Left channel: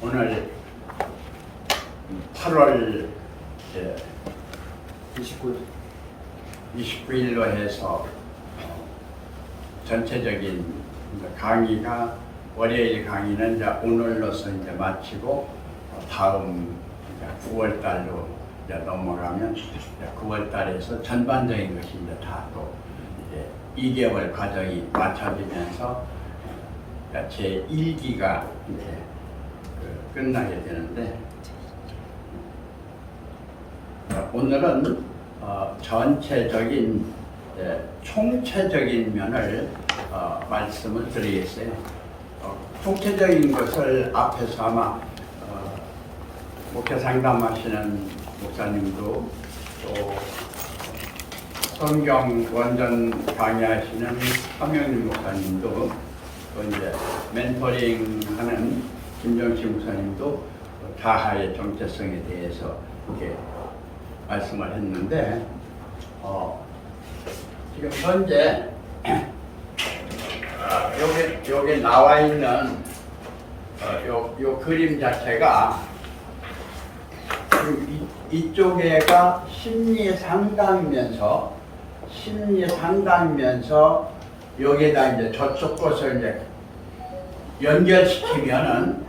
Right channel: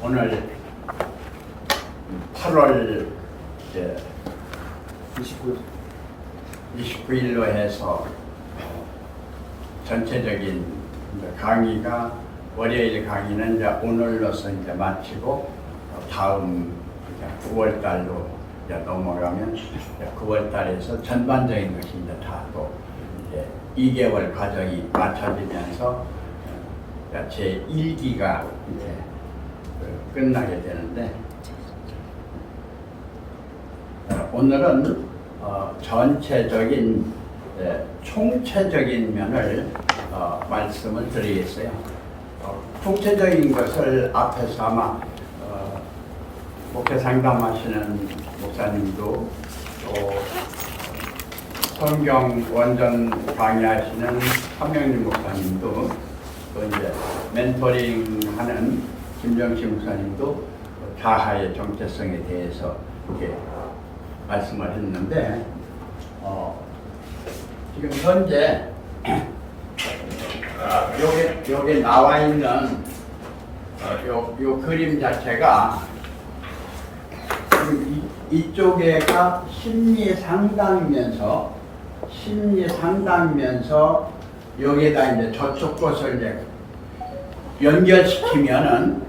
오늘 8월 29일로 해서 전체적인 강의가 월요일 강의는 이제 오늘로서 이제 마치고 다음 이제 9월 달로 이제 넘어가면 이제 9월 달에서 전반적인 것이 이제 다 또 이제 2개월 과정이 맞춰지면서 제 1기가 이제 끝나게 되는데 오늘은 전체적인 총체적인 면을 말씀을 드리겠어요. 총체적인 것을 앞에서 아마 목회 상담하시는 목사님도 또 성경 원전 강의하시는 한명림 목사님도 또 이제 멘토링 하는 김정식 목사님도 자아의 정체성에 대해서 이렇게 말씀을 했는데 지금 현재 여기 나와 있는 요 그림 자체가 지금 이쪽에가 심리 상담이면서 여기에다 이제 저쪽 것을 이제 연결시키면은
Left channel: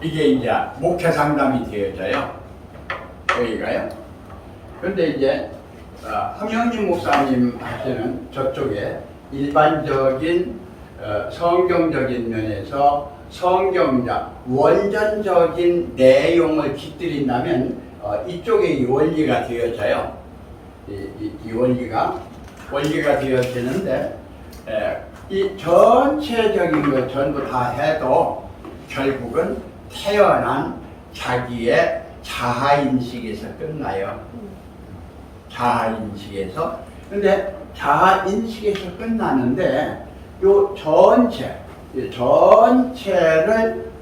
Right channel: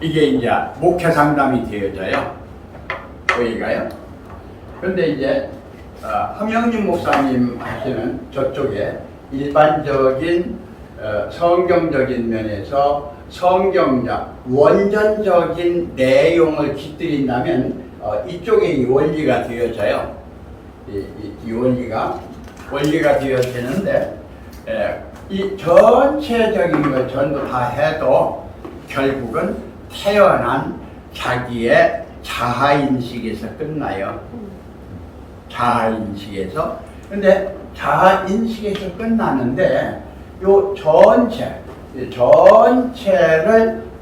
이게 이제 목회 상담이 되어져요. 여기가요. 그런데 이제 함영진 목사님 하시는 저쪽에 일반적인 성경적인 면에서 성경적 원전적인 내용을 깃들인다면 이쪽에 이 원리가 되어져요. 이 원리가 되어지는데 이 전체적인 걸 전부 다 해도 결국은 태어난 자기의 자아인식에서 끝나요. 자아인식에서. 근데 자아인식에서 끝나는데 요 전체를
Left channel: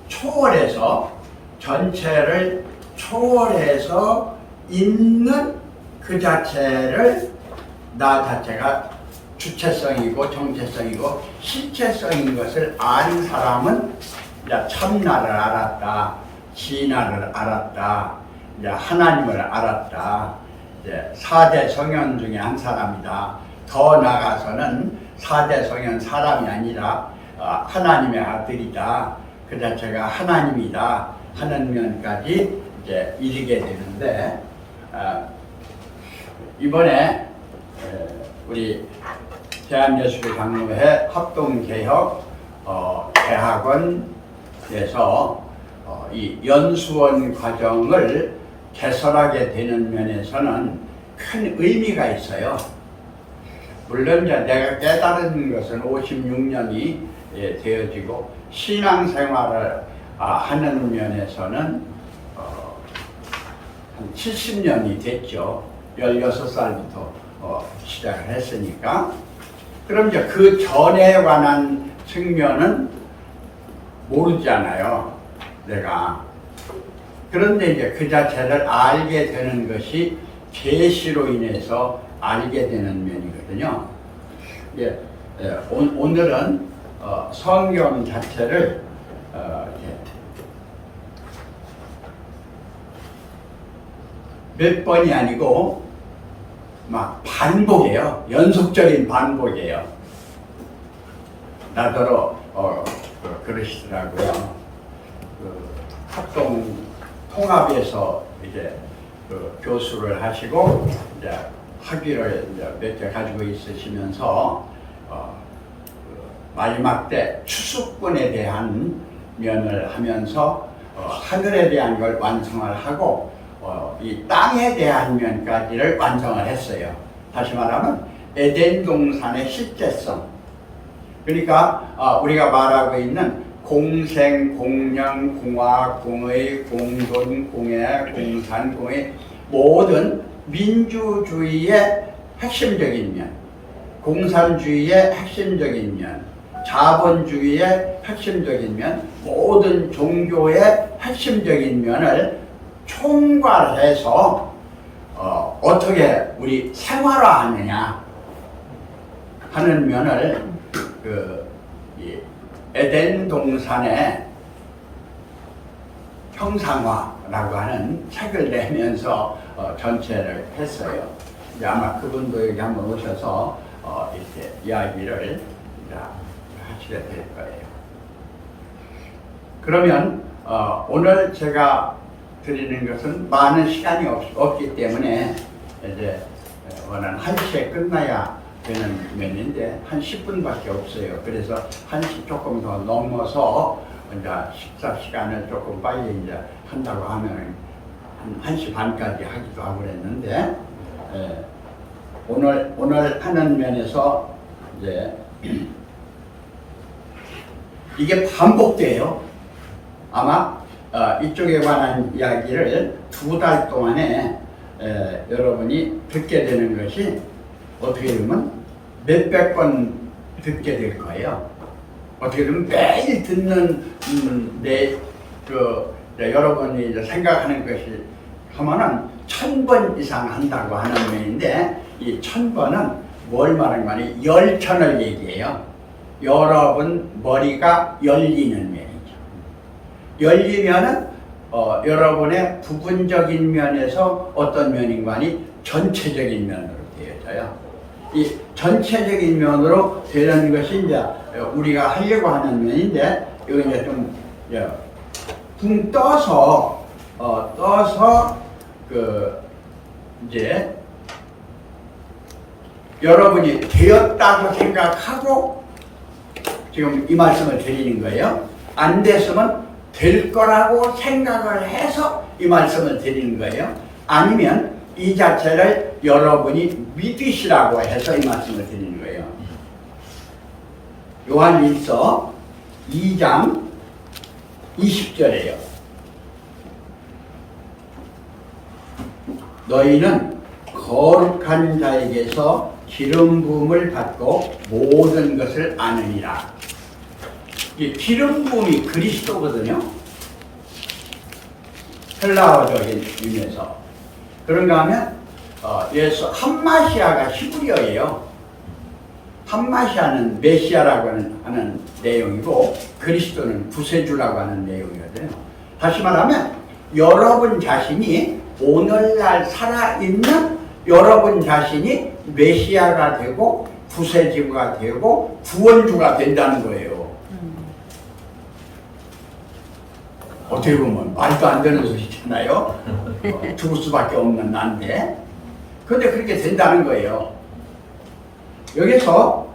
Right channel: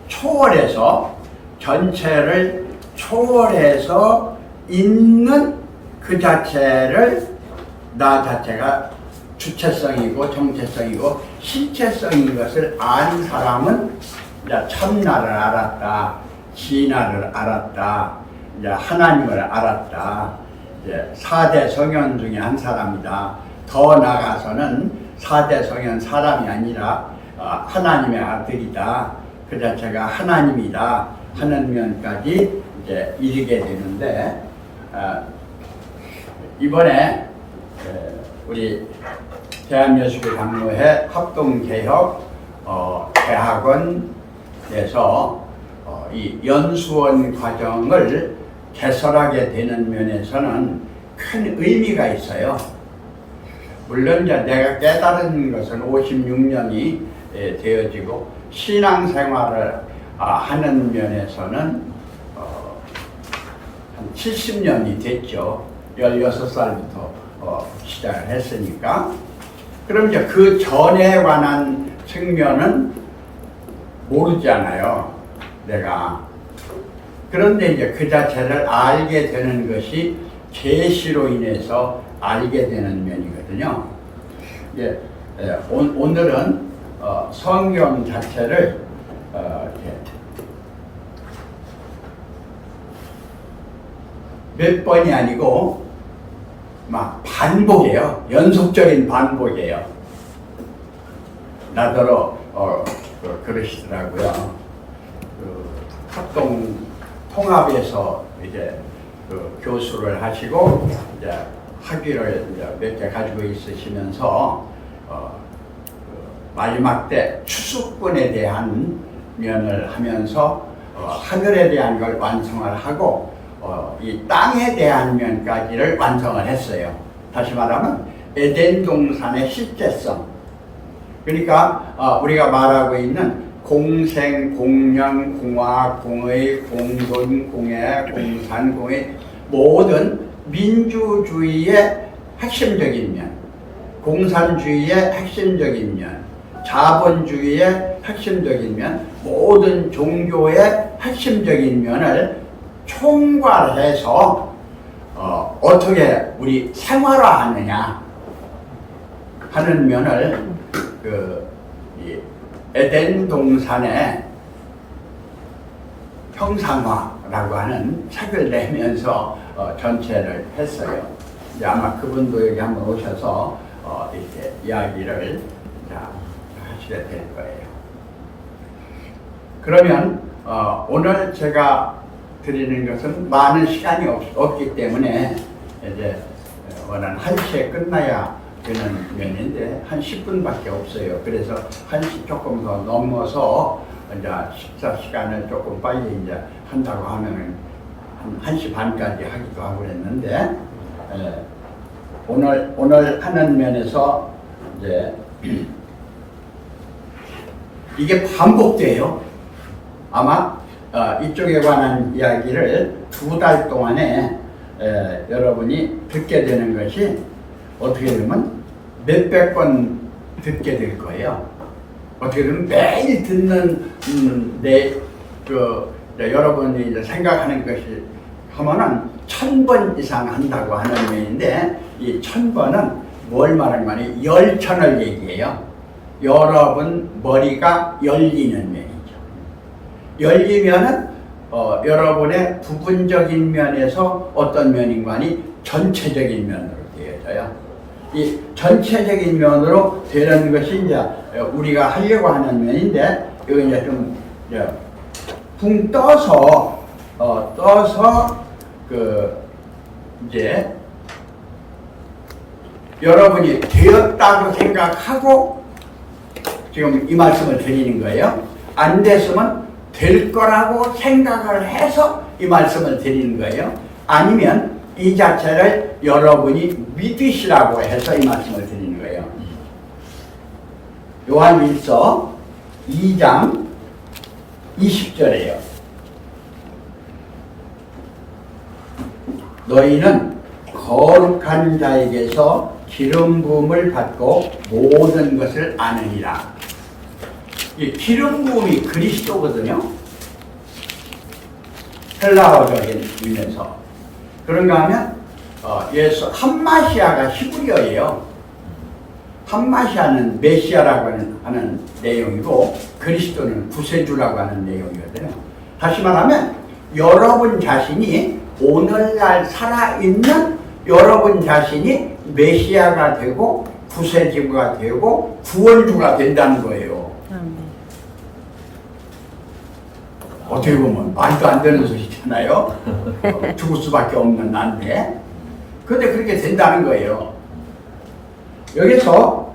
초월해서 있는 그 자체를 나 자체가 주체성이고 정체성이고 실체성인 것을 아는 사람은 이제 참나를 알았다, 진화를 알았다, 이제 하나님을 알았다, 이제 4대 성현 중에 한 사람이다. 더 나아가서는 4대 성현 사람이 아니라 하나님의 아들이다. 그 자체가 하나님이다 하는 면까지 이제 이르게 되는데 이번에 우리 대한예수교 장로회 합동개혁 대학원에서 이 연수원 과정을 개설하게 되는 면에서는 큰 의미가 있어요. 물론 이제 내가 깨달은 것은 56년이 되어지고 신앙생활을 하는 면에서는 한 70년이 됐죠. 16살부터 시작을 했으니까. 그럼 이제 그 전에 관한 측면은 모르잖아요, 내가. 그런데 이제 그 자체를 알게 되는 것이 계시로 인해서 알게 되는 면이거든요. 오늘은 성경 자체를 몇 번이 아니고 막 반복이에요. 연속적인 반복이에요. 나더러 그러시더라고요. 합동 통합에서 이제 교수를 하시고 이제 학위를 이제 몇 개 가지고 있으시면서 마지막 때 추수꾼에 대한 면을 하면서 하늘에 대한 걸 완성을 하고 이 땅에 대한 면까지를 완성을 했어요. 다시 말하면 에덴 동산의 실제성. 그러니까 우리가 말하고 있는 공생, 공령, 공화, 공의, 공돈, 공예, 공산, 공의 모든 민주주의의 핵심적인 면, 공산주의의 핵심적인 면, 자본주의의 핵심적인 면, 모든 종교의 핵심적인 면을 총괄해서 어떻게 우리 생활화하느냐, 하는 면을 이 에덴 동산의 형상화라고 하는 책을 내면서 전체를 했어요. 이제 아마 그분도 여기 한번 오셔서 이렇게 이야기를 하시게 될 거예요. 그러면 오늘 제가 드리는 것은 많은 시간이 없기 때문에 이제 원한 1시에 끝나야 되는 면인데 한 10분밖에 없어요. 그래서 1시 조금 더 넘어서 이제 식사 시간을 조금 빨리 이제 한다고 하면 한 1시 반까지 하기도 하고 그랬는데 오늘 하는 면에서 이제 이게 반복돼요. 아마 이쪽에 관한 이야기를 2달 동안에 여러분이 듣게 되는 것이 어떻게 되면 몇백 번 듣게 될 거예요. 어떻게 되면 매일 듣는 여러분이 이제 생각하는 것이 하면은 1000번 이상 한다고 하는 면인데 이 1000번은 뭘 말하는 거니? 열천을 얘기해요. 여러분 머리가 열리는 면이죠. 열리면은 여러분의 부분적인 면에서 어떤 면인 거니? 전체적인 면으로 되어져요. 이 전체적인 면으로 되는 것이 이제 우리가 하려고 하는 면인데 이거 이제 좀 붕 떠서 이제 여러분이 되었다고 생각하고 지금 이 말씀을 드리는 거예요. 안 됐으면 될 거라고 생각을 해서 이 말씀을 드리는 거예요. 아니면 이 자체를 여러분이 믿으시라고 해서 이 말씀을 드리는 거예요. 요한일서 2장 20절에요. 너희는 거룩한 자에게서 기름 부음을 받고 모든 것을 아느니라. 이 기름 부음이 그리스도거든요. 헬라어적인 의미에서. 그런가 하면 예수 함마시아가 히브리어예요. 함마시아는 메시아라고 하는 내용이고 그리스도는 구세주라고 하는 내용이거든요. 다시 말하면 여러분 자신이 오늘날 살아있는 여러분 자신이 메시아가 되고 구세주가 되고 구원주가 된다는 거예요. 어떻게 보면 말도 안 되는 소리잖아요. 죽을 수밖에 없는 난데 그런데 그렇게 된다는 거예요. 여기서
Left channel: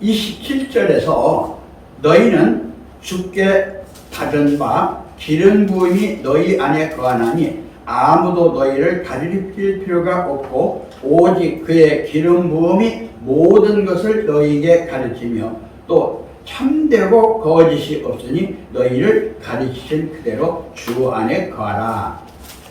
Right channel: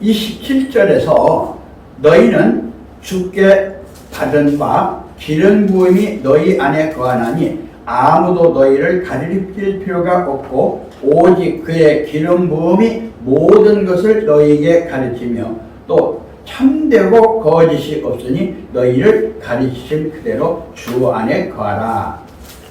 27절에서 너희는 주께 받은 바 기름 부음이 너희 안에 거하나니 아무도 너희를 가르칠 필요가 없고 오직 그의 기름 부음이 모든 것을 너희에게 가르치며 또 참되고 거짓이 없으니 너희를 가르치신 그대로 주 안에 거하라.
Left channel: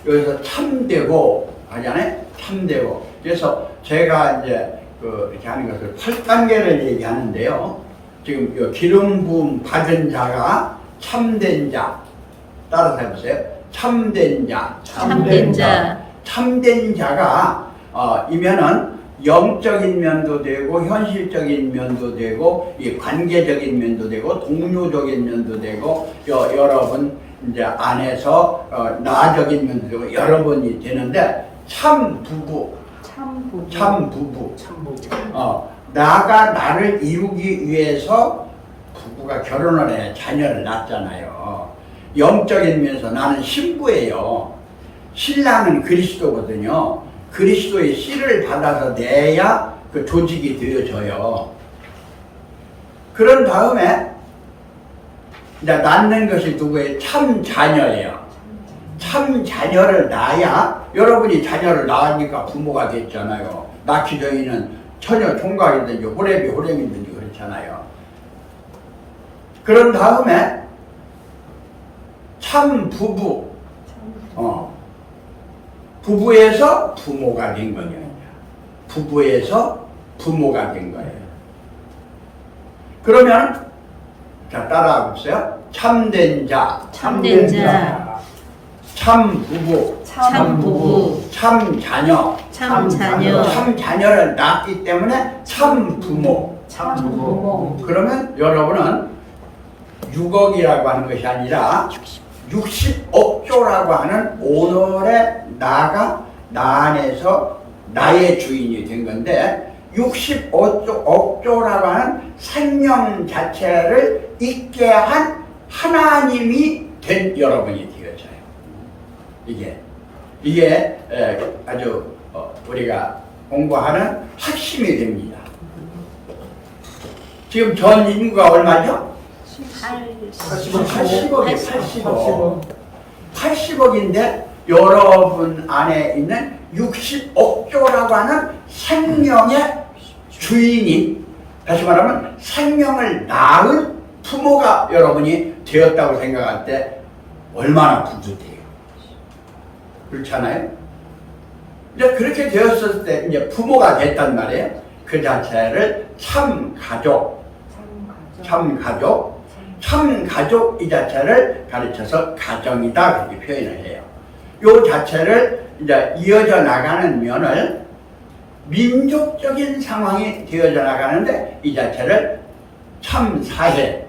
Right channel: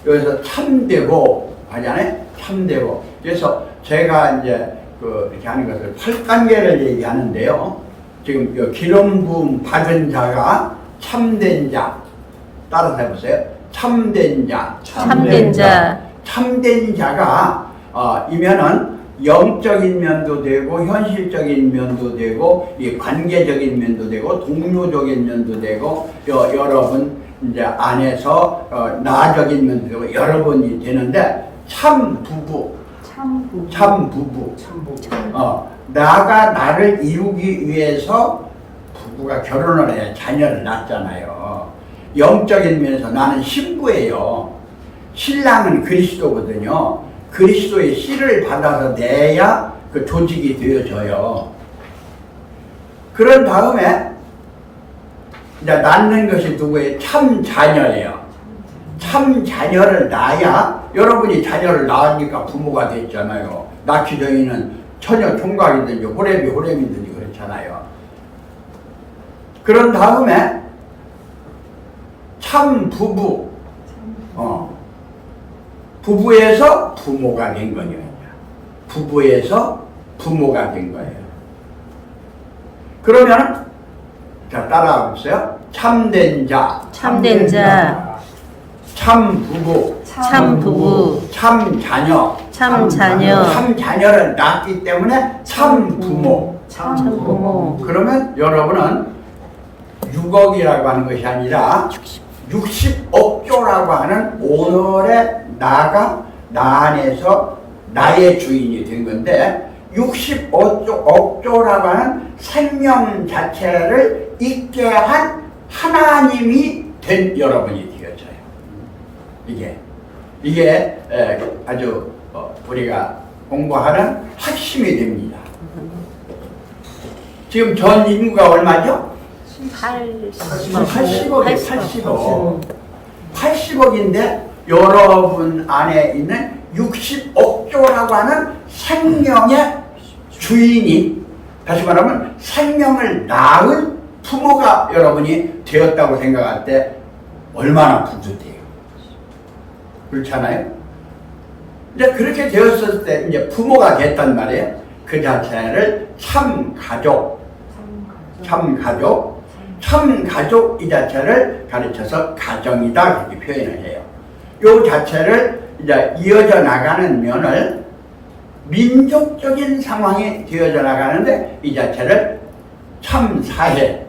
여기서 참되고 하잖아요. 참되고. 그래서 제가 이제 이렇게 하는 것을 8단계를 얘기하는데요. 지금 기름 부음 받은 자가 참된 자. 따라서 해보세요. 참된 자. 참된 자. 참된 자가 이면은 영적인 면도 되고 현실적인 면도 되고 이 관계적인 면도 되고 동료적인 면도 되고 여러분 이제 안에서 나적인 면도 되고 여러분이 되는데 참 부부. 나가 나를 이루기 위해서 부부가 결혼을 해 자녀를 낳잖아요. 영적인 면에서 나는 신부예요. 신랑은 그리스도거든요. 그리스도의 씨를 받아서 내야 그 조직이 되어져요. 그런 다음에 이제 낳는 것이 누구예요? 참 자녀예요. 참 자녀를 낳아야 여러분이 자녀를 낳으니까 부모가 됐잖아요. 낳기 전에는 처녀 총각이든지 호랩이든지 그렇잖아요. 그런 다음에 참 부부, 부부에서 부모가 된 거예요. 부부에서 부모가 된 거예요. 그러면 자 따라하 보세요. 참된 자, 참된 자, 참 부부, 참 부부, 참 자녀, 참 자녀. 참 자녀를 낳기 때문에 참 부모. 참 부모. 그러면 여러분은 6억이라고 하는 것이 아니라 60억조라고 하는 오늘의 나가 나 안에서 나의 주인이 된 건데 60억조라고 하는 생명 자체를 있게 한 하나님이 된 여러분이 되어져요. 이게 아주 우리가 공부하는 핵심이 됩니다. 지금 전 인구가 얼마죠? 80억이에요. 80억인데 여러분 안에 있는 60억조라고 하는 생명의 주인이, 다시 말하면 생명을 낳은 부모가 여러분이 되었다고 생각할 때 얼마나 뿌듯해요. 그렇지 않아요? 이제 그렇게 되었을 때 이제 부모가 됐단 말이에요. 그 자체를 참 가족 이 자체를 가르쳐서 가정이다 그렇게 표현을 해요. 이 자체를 이제 이어져 나가는 면을 민족적인 상황이 되어져 나가는데 이 자체를 참 사회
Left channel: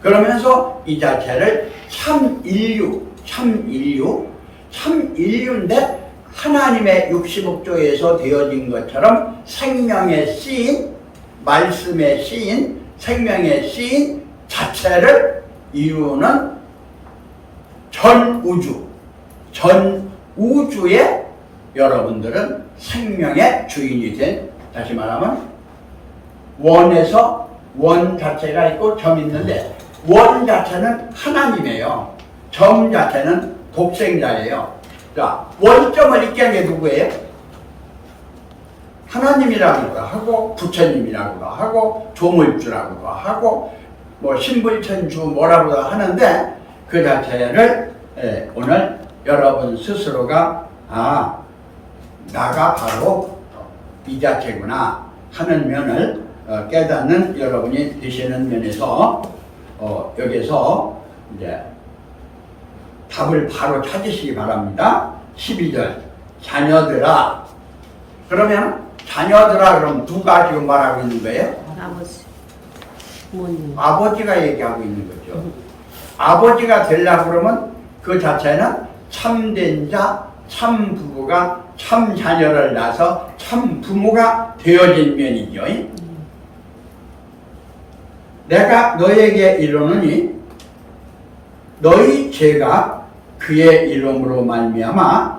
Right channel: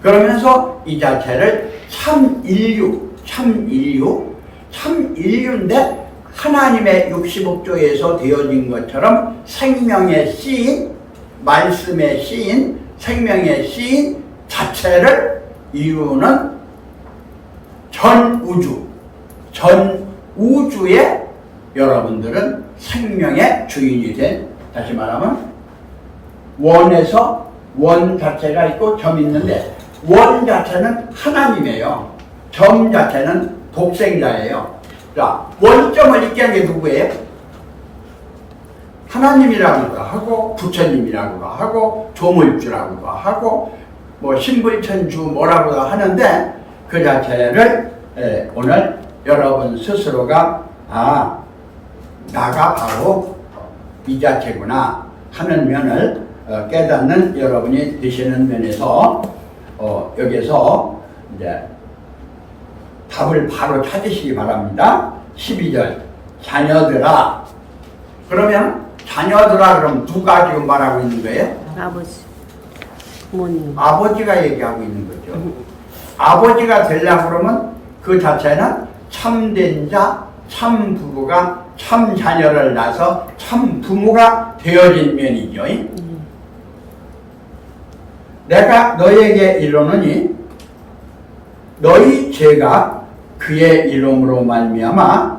그러면서 이 자체를 참 인류인데 하나님의 60억조에서 되어진 것처럼 생명의 씨인, 말씀의 씨인, 생명의 씨인 자체를 이루는 전 우주에 여러분들은 생명의 주인이 된, 다시 말하면 원에서 원 자체가 있고 점 있는데 원 자체는 하나님이에요. 점 자체는 독생자예요. 자, 원점을 있게 한 게 누구예요? 하나님이라고도 하고 부처님이라고도 하고 조물주라고도 하고 뭐 신불천주 뭐라고도 하는데 그 자체를 오늘 여러분 스스로가 나가 바로 이 자체구나 하는 면을 깨닫는 여러분이 되시는 면에서 여기서 이제 답을 바로 찾으시기 바랍니다. 12절 자녀들아. 그러면 자녀들아 그럼 누가 지금 말하고 있는 거예요? 아버지, 부모님. 아버지가 얘기하고 있는 거죠. 아버지가 되려고 그러면 그 자체는 참된 자, 참 부부가 참 자녀를 낳아서 참 부모가 되어진 면이죠. 내가 너에게 이르노니 너희 죄가 그의 이름으로 말미암아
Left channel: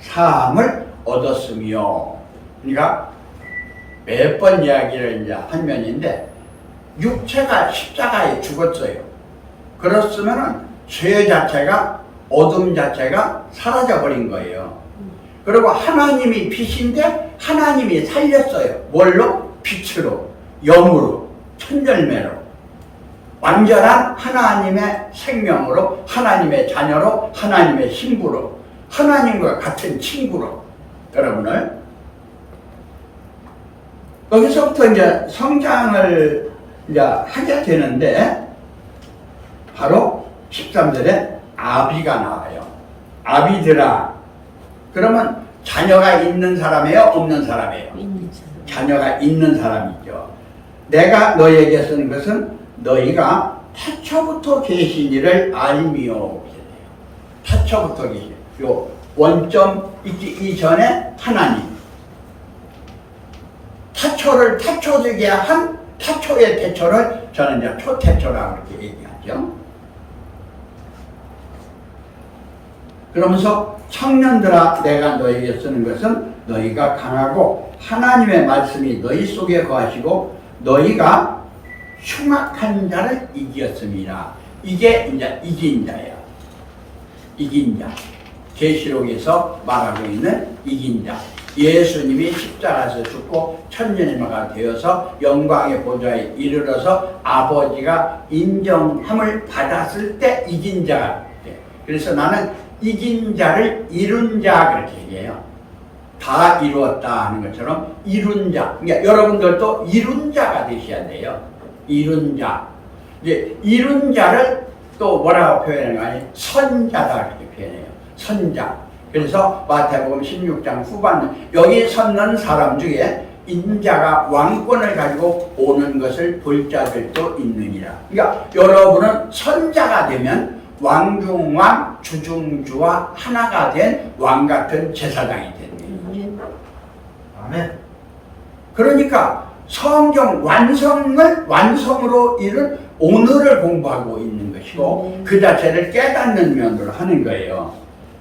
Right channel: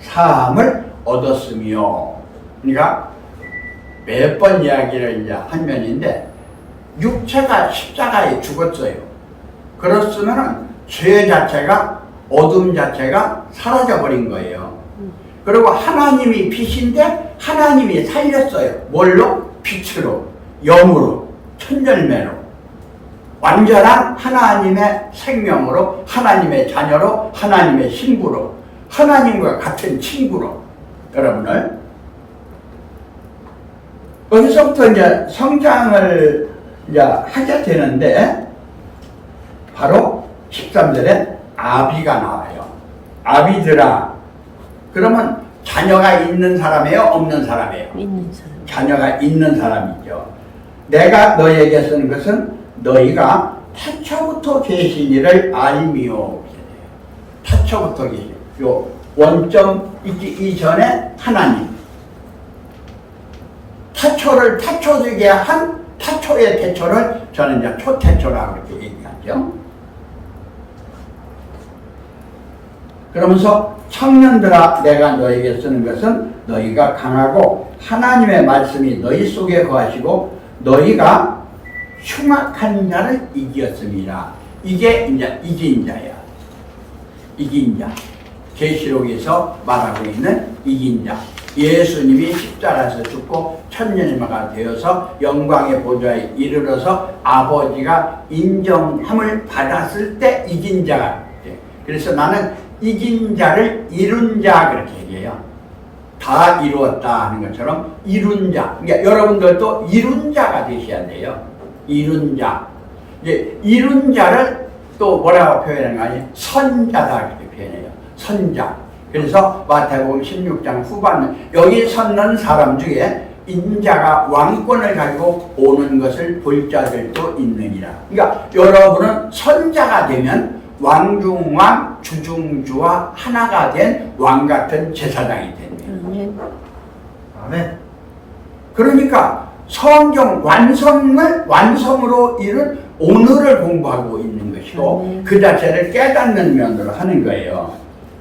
사함을 얻었으며. 그러니까 몇 번 이야기를 이제 한 면인데 육체가 십자가에 죽었어요. 그렇으면은 죄 자체가, 어둠 자체가 사라져 버린 거예요. 그리고 하나님이 빛인데 하나님이 살렸어요. 뭘로? 빛으로, 영으로, 천절매로. 완전한 하나님의 생명으로, 하나님의 자녀로, 하나님의 신부로, 하나님과 같은 친구로 여러분을. 여기서부터 이제 성장을 이제 하게 되는데 바로 13절에 아비가 나와요. 아비들아. 그러면 자녀가 있는 사람이에요? 없는 사람이에요? 있는 사람. 자녀가 있는 사람이죠. 내가 너희에게 쓰는 것은 너희가 태초부터 계신 이를 알미요. 태초부터 계신. 요 원점 있기 이전에 하나님. 태초를 태초되게 한 태초의 태초를 저는 이제 초태초라고 이렇게 얘기하죠. 그러면서 청년들아 내가 너에게 쓰는 것은 너희가 강하고 하나님의 말씀이 너희 속에 거하시고 너희가 흉악한 자를 이기었습니다. 이게 이제 이긴 자야. 이긴 자. 계시록에서 말하고 있는 이긴 자. 예수님이 십자가에서 죽고 천년이가 되어서 영광의 보좌에 이르러서 아버지가 인정함을 받았을 때 이긴 자가 돼. 그래서 나는 이긴 자를 이룬 자 그렇게 얘기해요. 다 이루었다 하는 것처럼 이룬 자. 그러니까 여러분들도 이룬 자가 되셔야 돼요. 이룬 자. 이제 이룬 자를 또 뭐라고 표현하는 거 아니에요? 선자다 그렇게 표현해요. 선자. 그래서 마태복음 16장 후반 여기 섰는 사람 중에 인자가 왕권을 가지고 오는 것을 볼 자들도 있느니라. 그러니까 여러분은 선자가 되면 왕중왕 주중주와 하나가 된 왕같은 제사장이 됩니다. 아멘. 그러니까 성경 완성으로 이룬 오늘을 공부하고 있는 것이고 그 자체를 깨닫는 면으로 하는 거예요.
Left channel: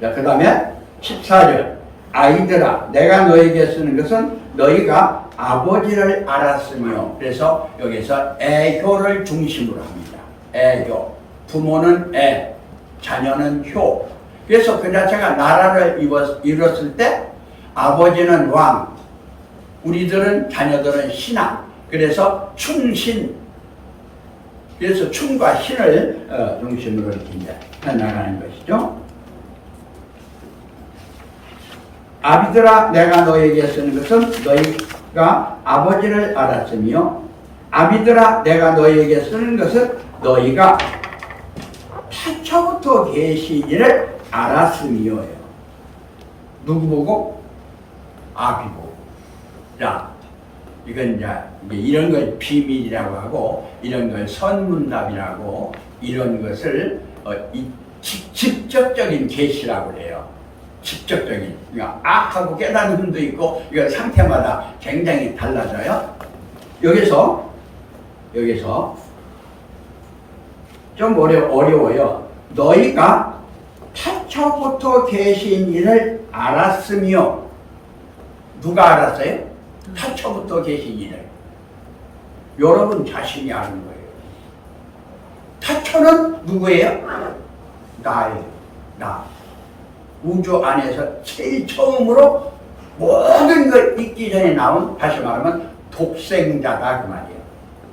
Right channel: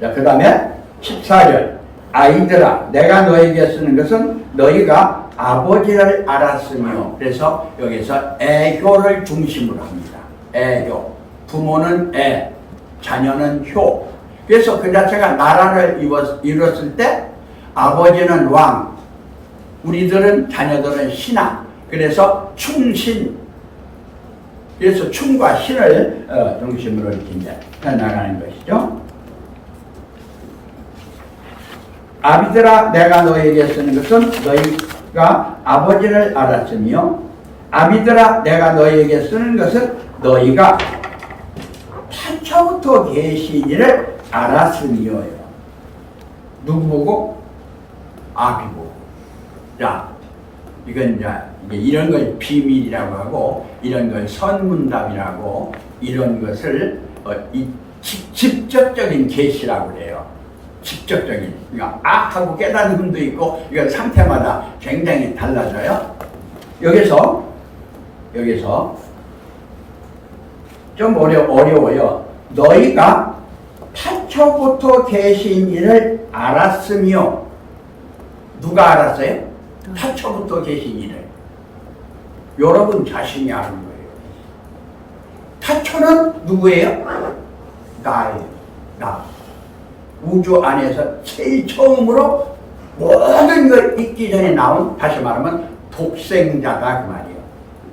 자, 그 다음에 14절 아이들아 내가 너에게 쓰는 것은 너희가 아버지를 알았으며, 그래서 여기서 애효를 중심으로 합니다. 애효, 부모는 애, 자녀는 효. 그래서 그 자체가 나라를 이뤘을 때 아버지는 왕, 우리들은 자녀들은 신하. 그래서 충신, 그래서 충과 신을 중심으로 이렇게 이제 해나가는 것이죠. 아비들아 내가 너에게 쓰는 것은 너희가 아버지를 알았으며, 아비들아 내가 너희에게 쓰는 것은 너희가 태초부터 계신 이를 알았으며요. 누구 보고? 아비 보고. 자, 이건 이제 이런 걸 비밀이라고 하고, 이런 걸 선문답이라고, 이런 것을 직접적인 계시라고 그래요. 직접적인. 그러니까 하고 깨닫는 흠도 있고, 이건 상태마다 굉장히 달라져요. 여기서 좀 어려워요. 너희가 태초부터 계신 이를 알았으며, 누가 알았어요? 태초부터 계신 이를. 여러분 자신이 아는 거예요. 태초는 누구예요? 나예요. 나. 우주 안에서 제일 처음으로 모든 걸 있기 전에 나온, 다시 말하면 독생자다 그 말이에요.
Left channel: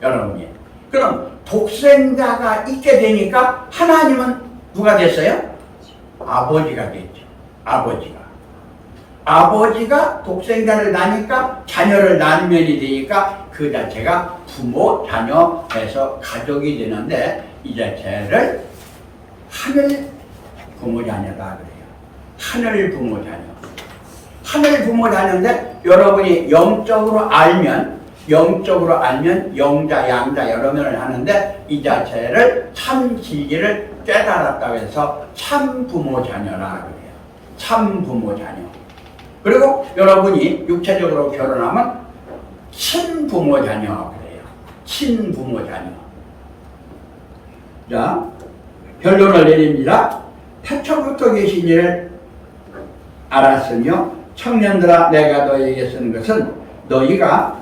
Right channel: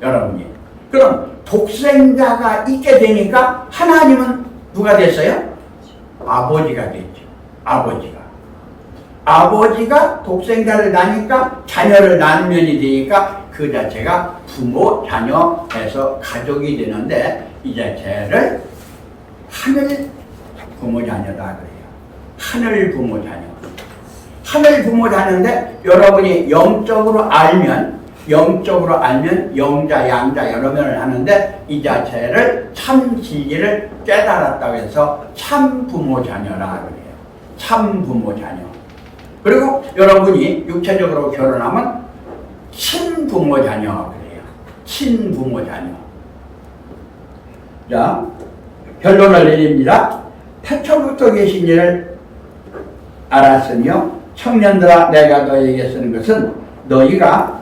여러분이. 그럼 독생자가 있게 되니까 하나님은 누가 됐어요? 아버지가 됐죠. 아버지가 독생자를 낳으니까 자녀를 낳은 면이 되니까 그 자체가 부모, 자녀 해서 가족이 되는데, 이 자체를 하늘 부모 자녀다 그래요. 하늘 부모 자녀. 하늘 부모 자녀인데 여러분이 영적으로 알면 영자, 양자 여러 면을 하는데, 이 자체를 참 진리를 깨달았다고 해서 참 부모 자녀라 그래요. 참 부모 자녀. 그리고 여러분이 육체적으로 결혼하면 친부모 자녀 그래요. 친부모 자녀. 자, 결론을 내립니다. 태초부터 계신 이를 알았으며, 청년들아 내가 너희에게 쓰는 것은 너희가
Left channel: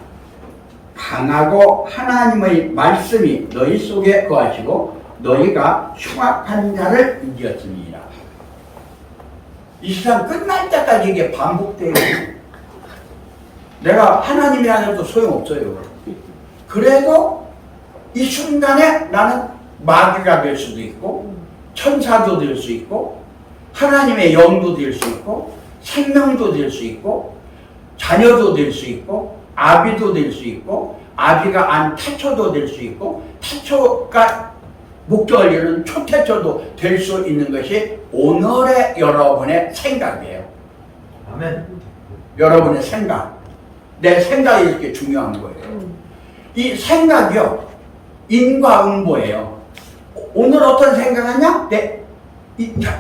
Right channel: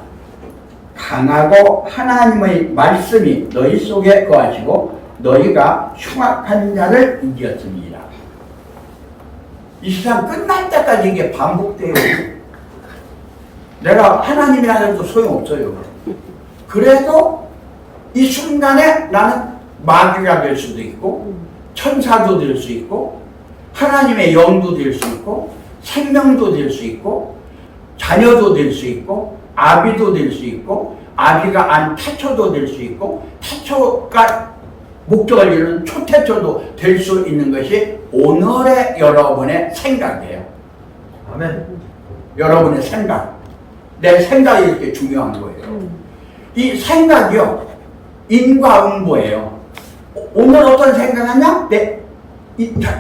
강하고 하나님의 말씀이 너희 속에 거하시고 너희가 흉악한 자를 이겼습니다. 이 세상 끝날 때까지 이게 반복돼요. 내가 하나님이라 해도 소용없어요. 그래도 이 순간에 나는 마귀가 될 수도 있고, 천사도 될 수 있고, 하나님의 영도 될 수 있고, 생명도 될 수 있고, 자녀도 될 수 있고, 아비도 될 수 있고, 아비가 안 태초도 될 수 있고, 태초가 목적을 이루는 초태초도 될 수 있는 것이 오늘의 여러분의 생각이에요. 아멘. 여러분의 생각. 내 생각이 이렇게 중요한 거예요. 이 생각이요, 인과응보예요. 오늘 어떤 생각하냐?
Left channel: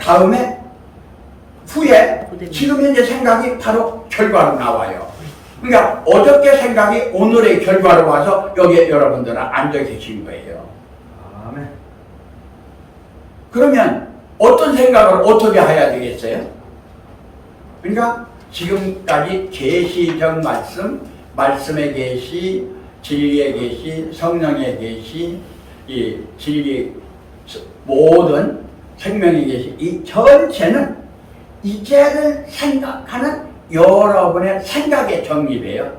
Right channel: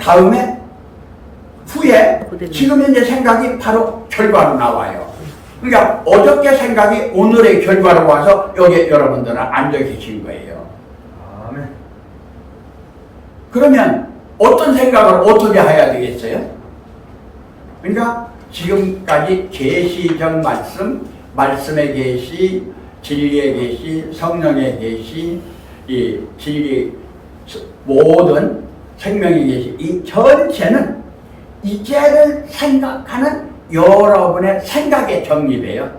다음에, 후에, 지금 현재 생각이 바로 결과로 나와요. 그러니까 어저께 생각이 오늘의 결과로 와서 여기 여러분들은 앉아 계신 거예요. 아멘. 그러면 어떤 생각을 어떻게 해야 되겠어요? 그러니까 지금까지 계시적 말씀, 말씀의 계시, 진리의 계시, 성령의 계시, 이 진리 모든 생명의 계시, 이 전체는 이제를 생각하는 여러분의 생각의 정립이에요.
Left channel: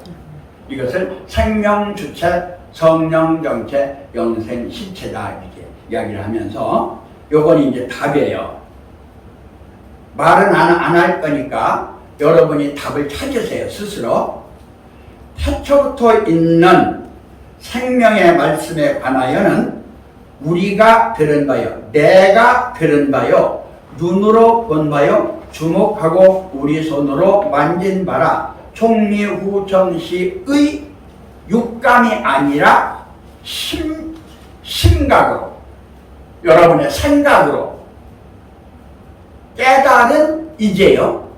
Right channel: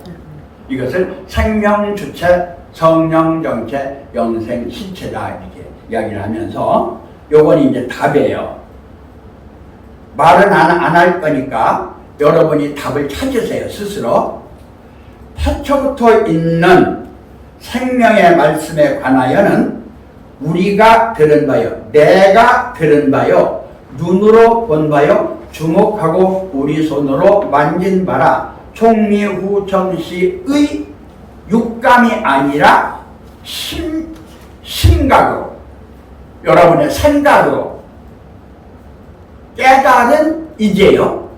이것을 생명 주체, 성령 정체, 영생 실체다 이렇게 이야기를 하면서, 요건 이제 답이에요. 말은 안 할 거니까 여러분이 답을 찾으세요, 스스로. 태초부터 있는 생명의 말씀에 관하여는 우리가 들은 바요, 내가 들은 바요, 눈으로 본 바요, 주목하고 우리 손으로 만진 바라 총리후천시의 육감이 아니라 심각으로, 여러분의 생각으로 깨달은 이제요,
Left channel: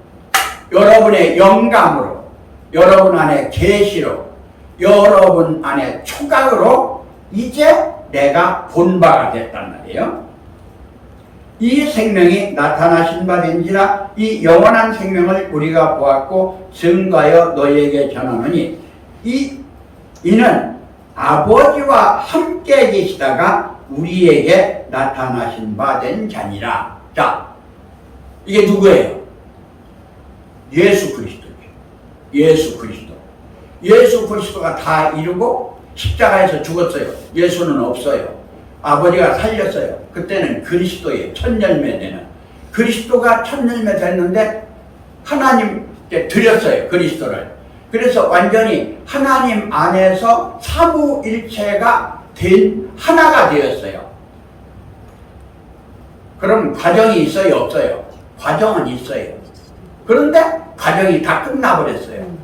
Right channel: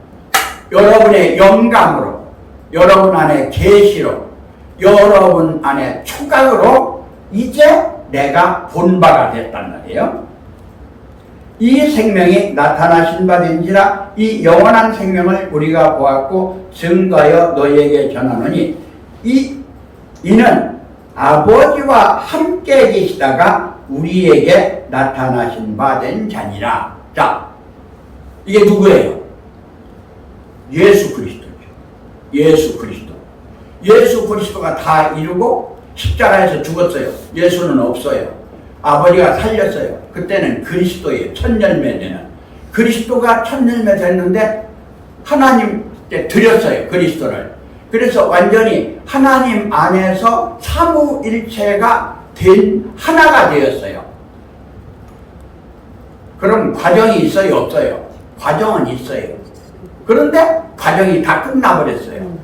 여러분의 영감으로, 여러분 안에 계시로, 여러분 안에 촉각으로 이제 내가 본 바가 됐단 말이에요. 이 생명이 나타나신 바 된지라 이 영원한 생명을 우리가 보았고 증거하여 너희에게 전하노니 이는 아버지와 함께 계시다가 우리에게 나타나신 바 된 자니라. 자, 이게 누구예요? 예수 그리스도죠. 예수 그리스도. 예수 그리스도가 다 이루고 십자가에서 죽었어요. 예수는 없어요. 아버지가 살렸어요. 그때는 그리스도의 첫 열매 되는, 그리스도가 첫 열매 됐는데 하나님께 드렸어요. 그리스도를. 그래서 완전히 하나님 안에서 삼위일체가 된 하나가 되었어요. 그럼 과정이 있어요? 없어요? 과정은 있어요. 그런데 과정이 다 끝나버렸어요.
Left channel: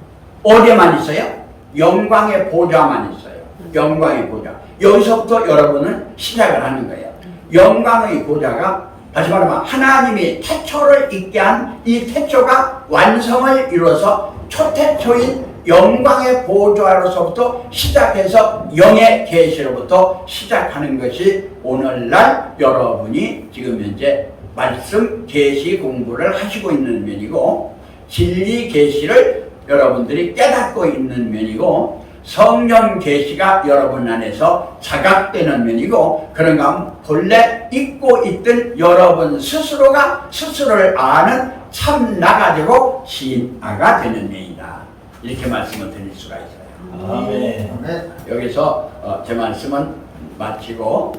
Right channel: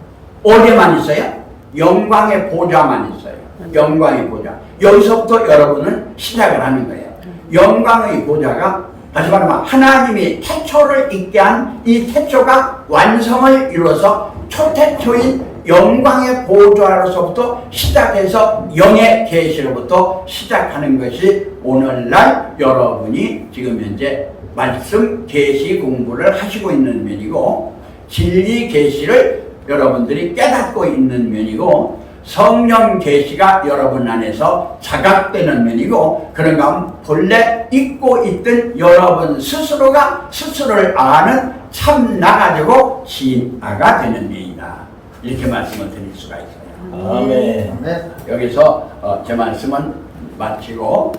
어디에만 있어요? 영광의 보좌만 있어요. 영광의 보좌. 여기서부터 여러분은 시작을 하는 거예요. 영광의 보좌가, 다시 말하면 하나님이 태초를 있게 한 이 태초가 완성을 이루어서 초태초인 영광의 보좌로서부터 시작해서 영의 계시로부터 시작하는 것이 오늘날 여러분이 지금 현재 말씀 계시 공부를 하시고 있는 면이고, 진리 계시를 여러분들이 깨닫고 있는 면이고, 성령 계시가 여러분 안에서 자각되는 면이고, 그런가 하면 본래 잊고 있던 여러분 스스로가 스스로를 아는 참나가지고 진아가 되는 면이다. 이렇게 말씀을 드릴 수가 있어요. 아멘. 여기서 제 말씀은 마치고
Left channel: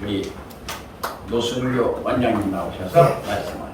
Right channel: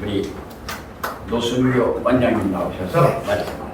우리 노순교 원장님 나오셔서 말씀하시겠습니다.